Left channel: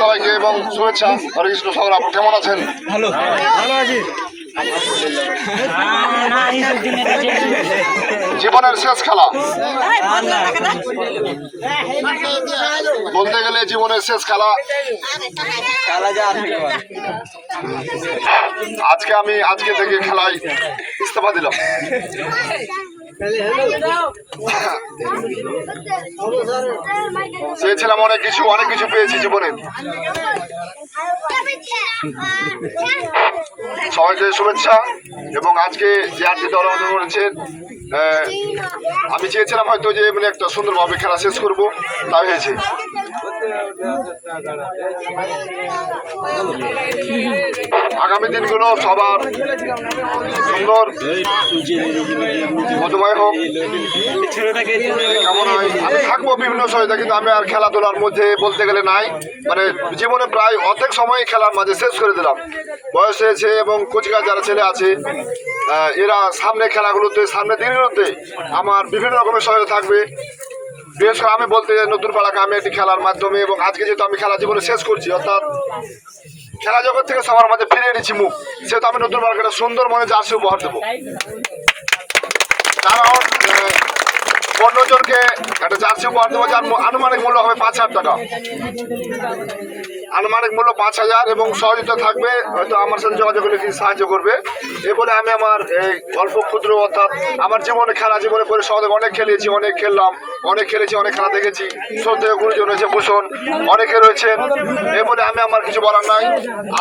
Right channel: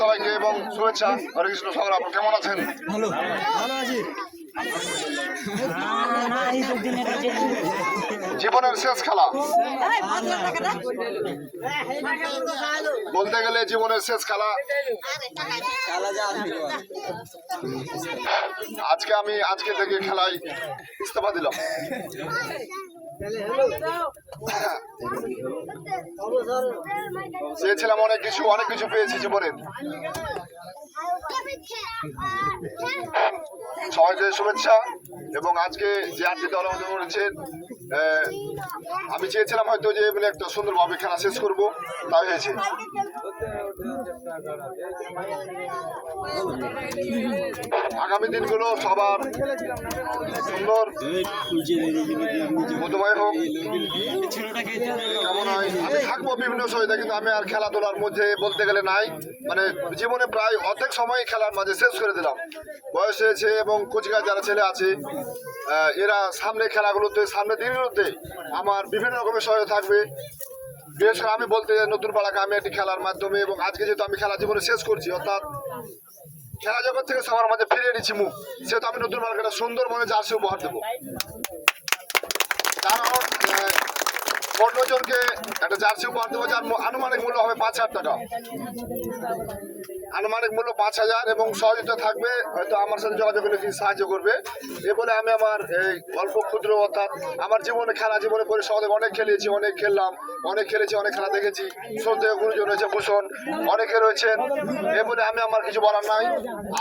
সবাইকে এবং শুভেচ্ছা। হরে কৃষ্ণ। সকল আপনি কেমন আছেন? ভালো আছি। জীবনের শেষ খেলা বলতে গেলে জীবনের শেষ খেলা। আজকে থেকে খেলায় ইস্তফা দিলাম। চেয়েছিলাম অনেক কিছু পেয়েছি জীবনে। সবাইকে শুভেচ্ছা এবং আজকে যে 8টি দল অংশগ্রহণ করেছেন, আমি চেয়েছিলাম হয়তো যে মানে একটা সুন্দরভাবে খেলা শেষ করবো, তাই হয়েছে। আগামী দিনগুলো সবার সুন্দর মধুময় হোক কেমন হয়। আমি থাকবো বিভিন্ন সহায়তা, কিন্তু আমি আর খেলাধুলার মধ্যে বলতে গেলে নাই। মানে জীবনে প্রায় অর্ধেক সময় খেলার মাঝে শেষ করে দিলাম। বয়স হয়েছে এবং কোচিকার যারা ছেলে আছে এরা সামনে খেলাগুলোতে সামনে দিনগুলোতে আমার বিভিন্ন রকমের সহায়তা থাকবে। বিশেষ করে আমি বলতে নতুন পাড়াকে আমি একটি খেলার মাধ্যমে এবং আজকে যেহেতু আমি খেলা জীবনে শেষ করছি, অর্থাৎ খেলা জগৎ থেকে সবার মাঝে ফিরে এনেছি মুখ, সেহেতু আমি নতুন পাড়াকে একটা সুন্দর মনে জার্সি উপহার দেবো। কারণ 15 জনকে একটা জার্সি উপহার দেবো যার আনুমানিক মূল্য হবে 5,000 টাকা। আনুমানিক মূল্য 5,000 এবং সহযোগিতা থাকবে, হয়তো আমার সাথে যোগাযোগ করলে কিছু সাহায্য করবে। এ বলে আমি আমার এই অল্প ক্ষুদ্র অর্থাৎ আমার জীবনে খেলা জীবনে করে সহযোগ অনেক খেলেছি, অনেক খেললাম, অনেক খেলেছি, অনেক খেলা দেখেছি। শ্রদ্ধেয় গুরুজন রয়েছে ভূষণ, অনেকে রয়েছেন। এ বলে আমি আমার কিছু বলার নাই।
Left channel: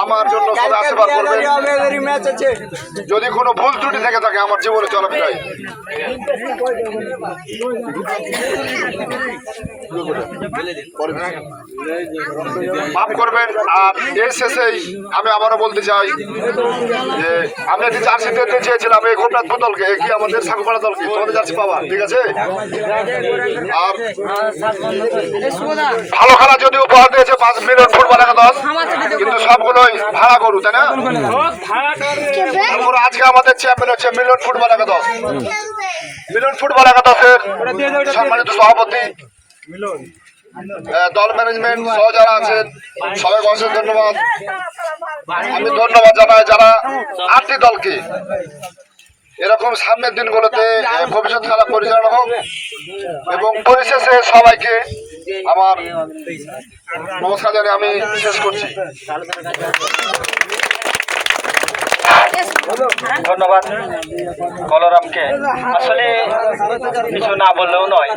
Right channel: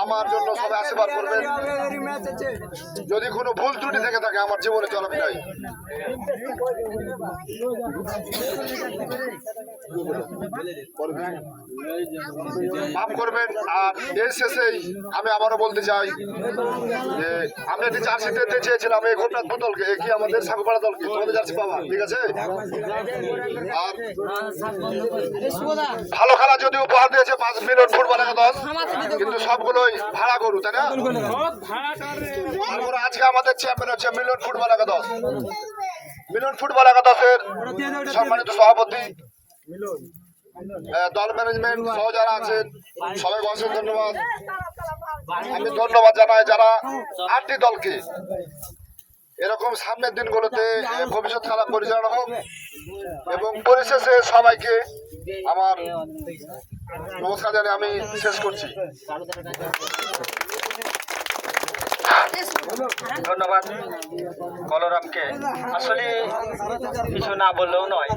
আমার জন্য সবাই আশীর্বাদ করবেন। যদি কোনো ভুল ত্রুটি থেকে থাকে আমার জীবনে চলাফেরায় মাফ করবেন। আর এর শেষেই আমি আবারও বলতে চাই যে আমি একটি জার্সি দিতে চেয়েছিলাম এই গোপনাথ দলকে, কি আমাদের সাকুপাড়া দলকে তোমাদের জার্সি পাওয়া, ঠিক আছে? আর ভালো খেলা যদি উপহার দিয়েছে 5 মিলিয়ন ফুটবল একাদশ, কিন্তু সবগুলোই ভাড়া করু, তাই না? আজকে আমাদের চ্যাম্পিয়ন হচ্ছে মিলিয়ন ফুটবল একাদশ। মিলিয়ন ফুটবল একাদশের সম্মানিত সভাপতি, দল ম্যানেজমেন্ট সহ যারা আছেন সবাইকে অশেষ ধন্যবাদ। আমি ধন্যবাদ জানাই যারা 8টি দলকে এরকম সামনের দিনগুলোতে ভবিষ্যৎ খেলা পরিচালনা হোক। এবং পরিশেষে সবাইকে আমার নমস্কার জানিয়ে আমি শেষ করছি। ধন্যবাদ বলরামকে। আসলে কিছু না বললেও নয়,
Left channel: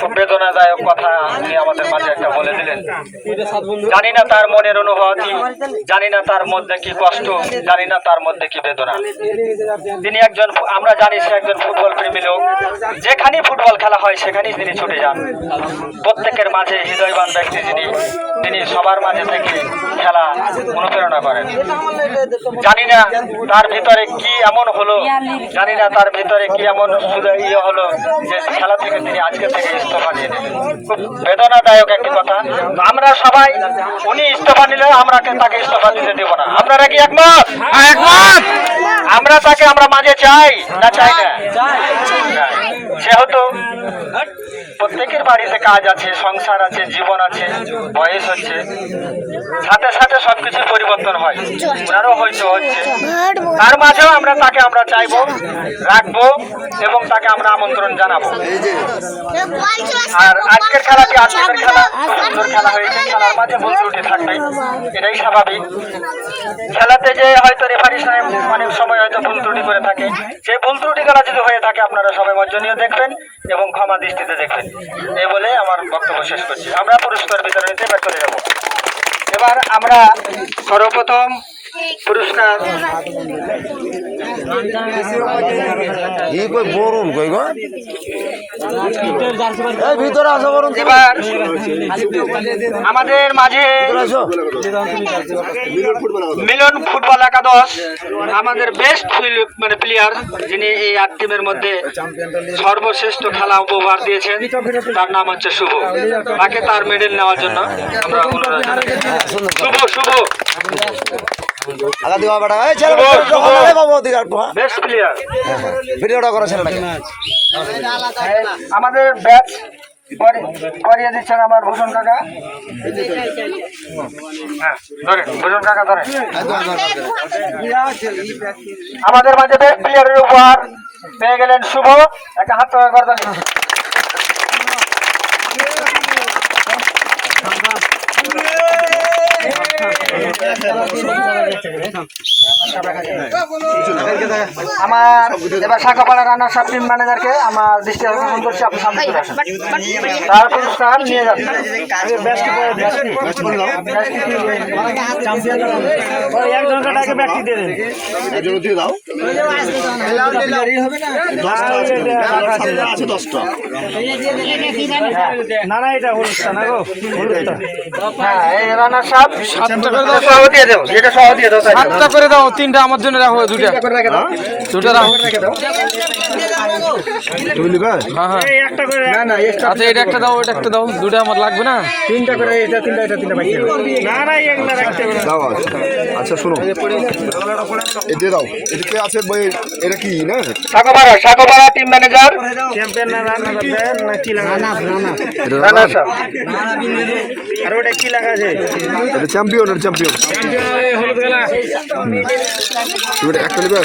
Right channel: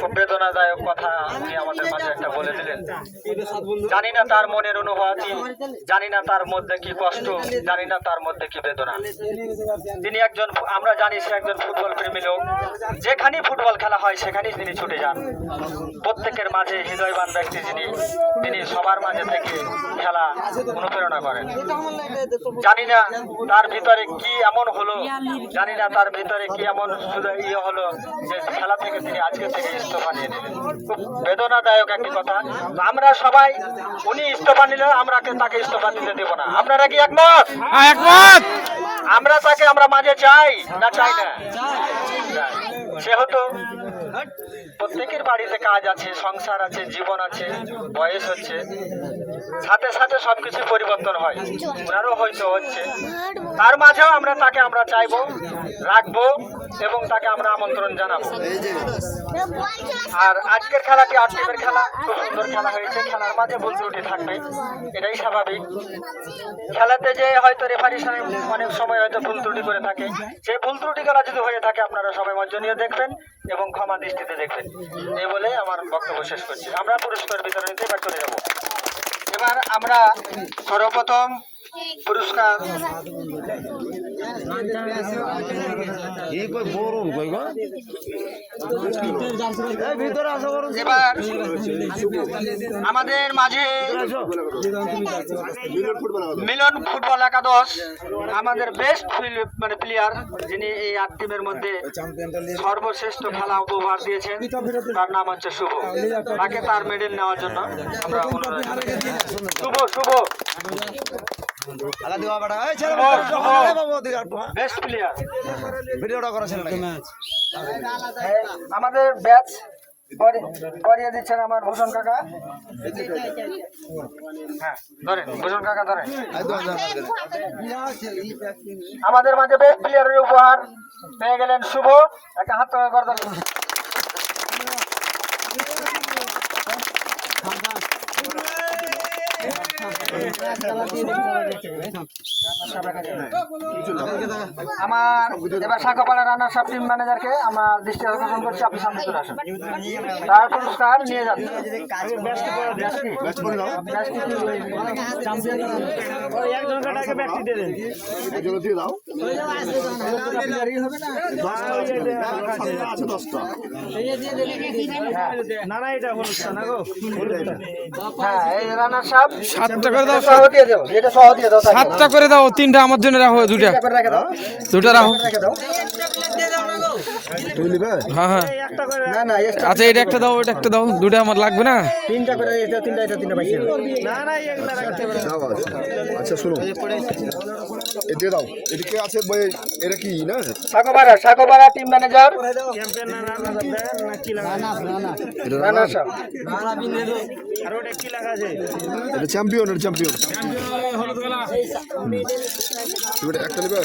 খুব বেদনাদায়ক কথা আপনি আমাদের মাঝে একটা বলে দিলেন। জানি না তার মনের অনুভূতি, জানি না তার মধ্যে কি কষ্ট, জানি না তার মধ্যে কি বেদনা। তিনি একজন, আমরা জানি সে একজন ফুটবল প্রেমী লোক। যেখানেই ফুটবল খেলা হয় সেখানেই তিনি ছুটে যান। প্রত্যেকের মাঝে হৃদয়বান ব্যক্তি তিনি সবার মাঝে থেকে খেলা অনুপ্রেরণা করেন। জানি না তার ভিতরে কি এমন হলো, জানি না তার ভিতরে কি এমন ইয়ে হলো যে খেলা থেকে তিনি আজকে থেকে ইস্তফা নিয়ে নেবেন। খুব বেদনাদায়ক একটি কথা। আমরা সবাই উনি ইস্তফা নিলে আমরা তাকে ইস্তফা দিতে দেব না। আপনারা কি একমত? আমরা মাঝে চাই না চাই না? যেহেতু প্রত্যেকের বাড়িতে কাজ আছে, সংসার আছে, জীবন আছে, বয়স হচ্ছে, সাথে সাথে সবকিছু পরিবর্তন হয়। ওনারও হয়তো হচ্ছে, তার মাঝেও আমরা চাইবো, রাখবো এবং তাকে আমরা আমন্ত্রণ জানাবো। আর আজকের খেলাটি আজকের খেলা সুন্দর খেলা হয়েছে, খেলার মাঝে ভুল ত্রুটি থাকবে, এটাই স্বাভাবিক। খেলাতে যে হয়তো রেফারি সাহেব অনেক সময় হয়তো ভুল ত্রুটি করে থাকে, সেই ভুল ত্রুটি খেলা যদি হয়ে থাকে আপনারা সবাই মর্জনীয় দেখবেন এবং ক্ষমা দৃষ্টিতে দেখবেন। এই বলে আমার বক্তব্য শেষ করছি। আমরা পুরস্কার বিতরণীতে ব্যাক করে যাব। এবার আমরা সর্বপ্রথম পুরস্কার এবার আমাদের মাঝে মিলন ফুটবল একাদশ আমাদের বেস্ট প্লেয়ার, যিনি এই 8 টিমের মধ্যে সর্বশ্রেষ্ঠ খেলা উপহার দিয়েছেন, তার নাম হচ্ছে শুভ। তাকে তার মেডেল নেওয়ার জন্য আমরা অনুরোধ জানাই। শুভ আমাদের ব্যাচ করিয়ে দিচ্ছেন আমার ভূষণ কাকা। হ্যাঁ ধরেন, ভূষণ কাকা ধরেন। আমাদের মাঝে বেস্ট প্লেয়ারের উপহার পেয়ে গেলেন শুভ। একটা হাত তোলা করে দেন। আমার এবার শাখাপাড়া রান্নার সব টিম ম্যানেজারকে আমার দৃষ্টি আকর্ষণ করছি, আপনি সামনে চলে আসেন। তার পুরস্কার নিয়ে যাচ্ছেন। না না এটা হলুদটা না গো, হলুদটা হ্যাঁ এই রান্নার সব সহ দিয়ে দেবো, যেটা সহ দিয়ে দেবো। 7টা করে দাও, 3টা আমার জন্য রাখো, 2টা রাখো। হ্যাঁ হ্যাঁ একটা করে আচ্ছা এটা একটা দাও, ওইটা একটা দাও, 2টা আমার লাগবে না। 3টা করে, এটা 3টা এটা 3টা বাকি না না এগুলা রাখতে হবে না। দাও আচ্ছা শোনো, এতে দাও, এটা কে আছে ভাই? এটা কি না শাখাপাড়া টিম ম্যানেজার চ্যাম্পিয়ন না রান্না করবেন না কি লাগা? না এটা রানা রানা? সাহেব। আর ওটা কি লাগা আছে? এটা চ্যাম্পিয়ন, এটা চ্যাম্পিয়ন। হলুদ গলা এটা একটা নেবে?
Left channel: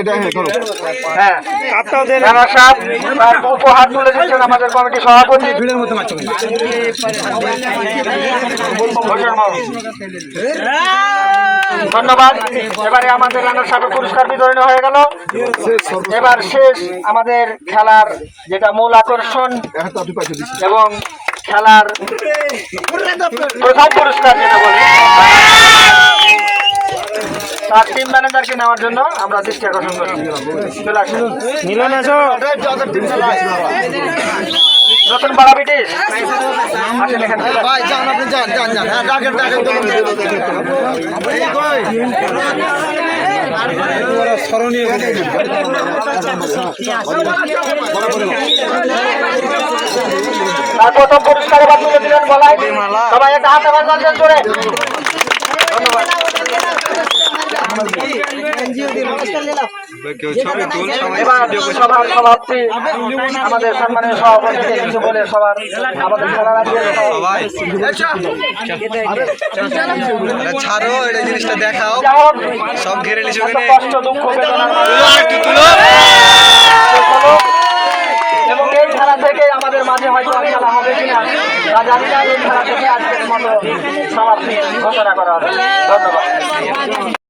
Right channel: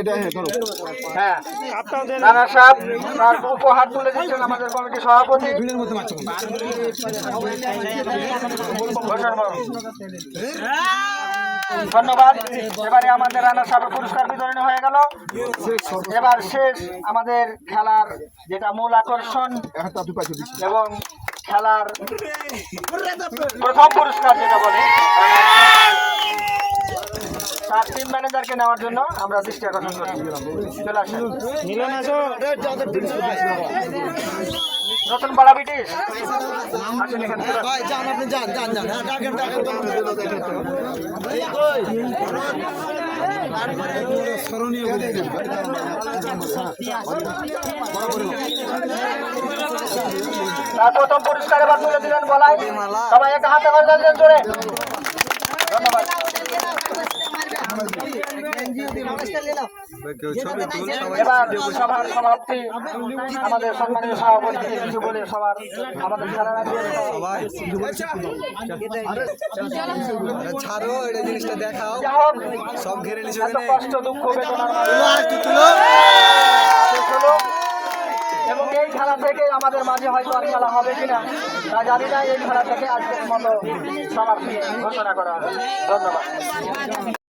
এটা হ্যাঁ ধরো। হ্যাঁ কাপটাও দেন। রানা সাহেব তার উপহার তুলে দিচ্ছেন আমাদের কমিটি সভাপতি। ধন্যবাদ। এবারে আমাদের রানা সাহেবের পুরস্কার বিতরণ হয়ে গেল। এবার শেষ আমাদের খেলার যেটা মূল আকর্ষণ একটা আপনি পাঠিয়ে দিচ্ছি। এবং খেলার প্রথম পুরস্কার যেটা বলি, তার টিম ম্যানেজারকে নেওয়ার জন্য আমরা দৃষ্টি আকর্ষণ করছি। চলে আসেন। মিলন আছো? নতুন পাড়া ব্রিটিশ আসেন এখানে। তার প্রথম পুরস্কার এবার তুলে দিলেন বলাই। সবাই একটা হাতে বাজাচ্ছেন জোরে। ধন্যবাদ। এবার সভার সভাপতি আমাদের সম্মানীয় সভাপতিকে কিছু বলে সবার আমাদের খেলার আগে ছাড়ো এটা জিনিসটা দেখাও, সব ঘিরে নিছো কেনে? কষ্ট দুঃখ বেদনার এবং এই খেলা থেকে আমাদের মাঝে হয়তো আর খেলা হবে কিনা তা জানি না। এই খেলা থেকে আজকের মতো সমাপ্তি ঘোষণা করা হবে। ধন্যবাদ।